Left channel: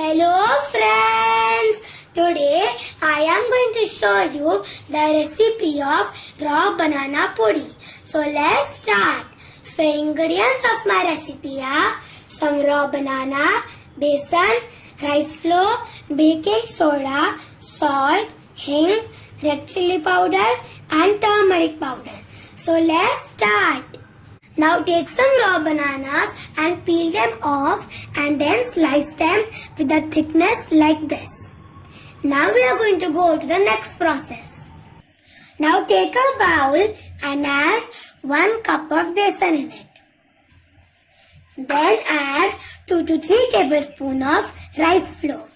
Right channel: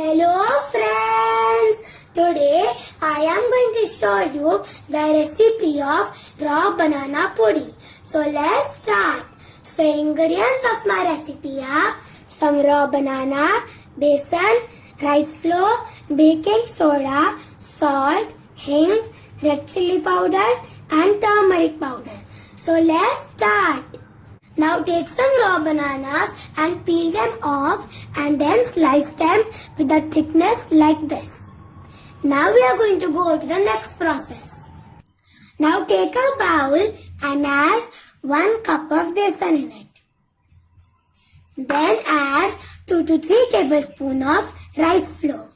Hello friends! Today I am going to show you the recipe of raw banana podi. So let's start. So ingredients of my recipe are some raw banana, besan, rice flour, baking soda, salt, hing, red chili powder and turmeric powder. So let's start. Now take some raw bananas and peel them off and then slice them with a thickness like this. Now we are going to go to the next process. Now take a bowl and add 1 cup of besan in it. Then add 2 to 3 tablespoons of rice flour.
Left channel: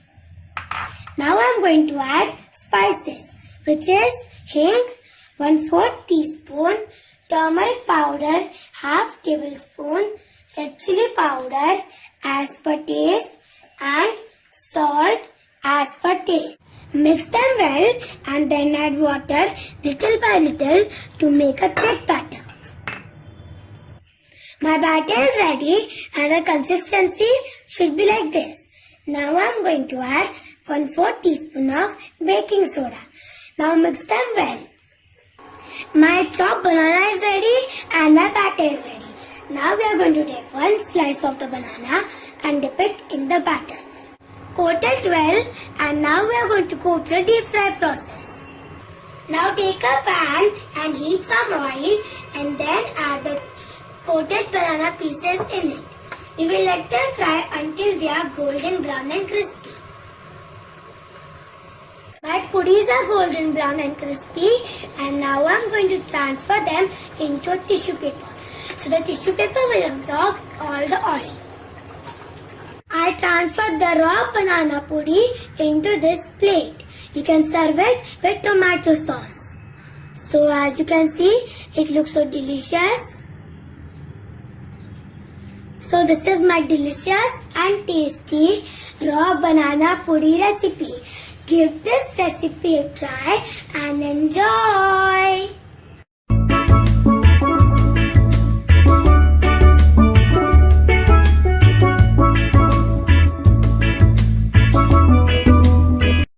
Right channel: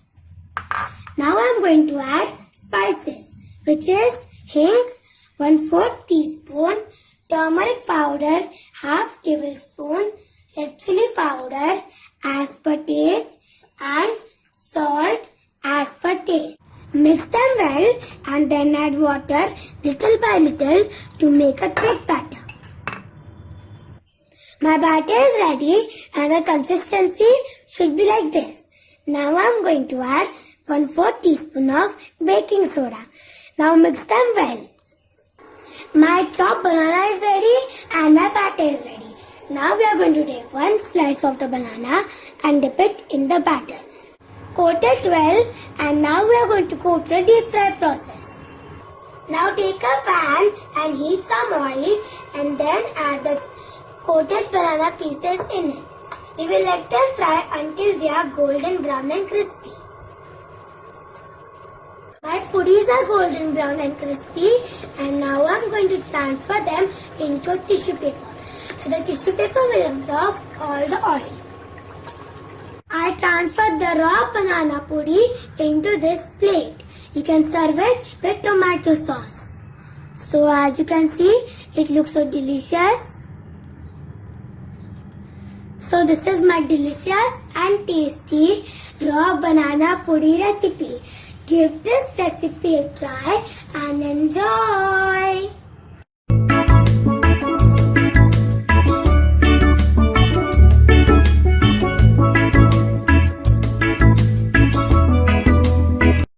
Now I am going to add spices, which is hing, 1/4 teaspoon, turmeric powder, half tablespoon, red chili powder as per taste and salt as per taste. Mix them well and then add water little by little to make a thick batter. My batter is ready and the consistency should be like this. Now I am going to add 1/4 teaspoon of baking soda. Now mix them well. My chopped banana is ready and my batter is ready. Now we are going to take 1 slice of the banana and dip it in the batter. Coat it well and now we are going to go to the deep fry process. Now take a pan and heat some oil and then add the coated banana pieces in it. We will let them fry until they are golden brown and crispy. My pudis are golden brown and crispy and now I am going to transfer them into a tissue paper. So the tissue paper will absorb all the oil. I transferred the raw banana pudi into this plate. You can serve it with tomato sauce. So as you can see, it looks so delicious. So this is my delicious and tasty raw banana pudi recipe. Give this recipe a try and enjoy.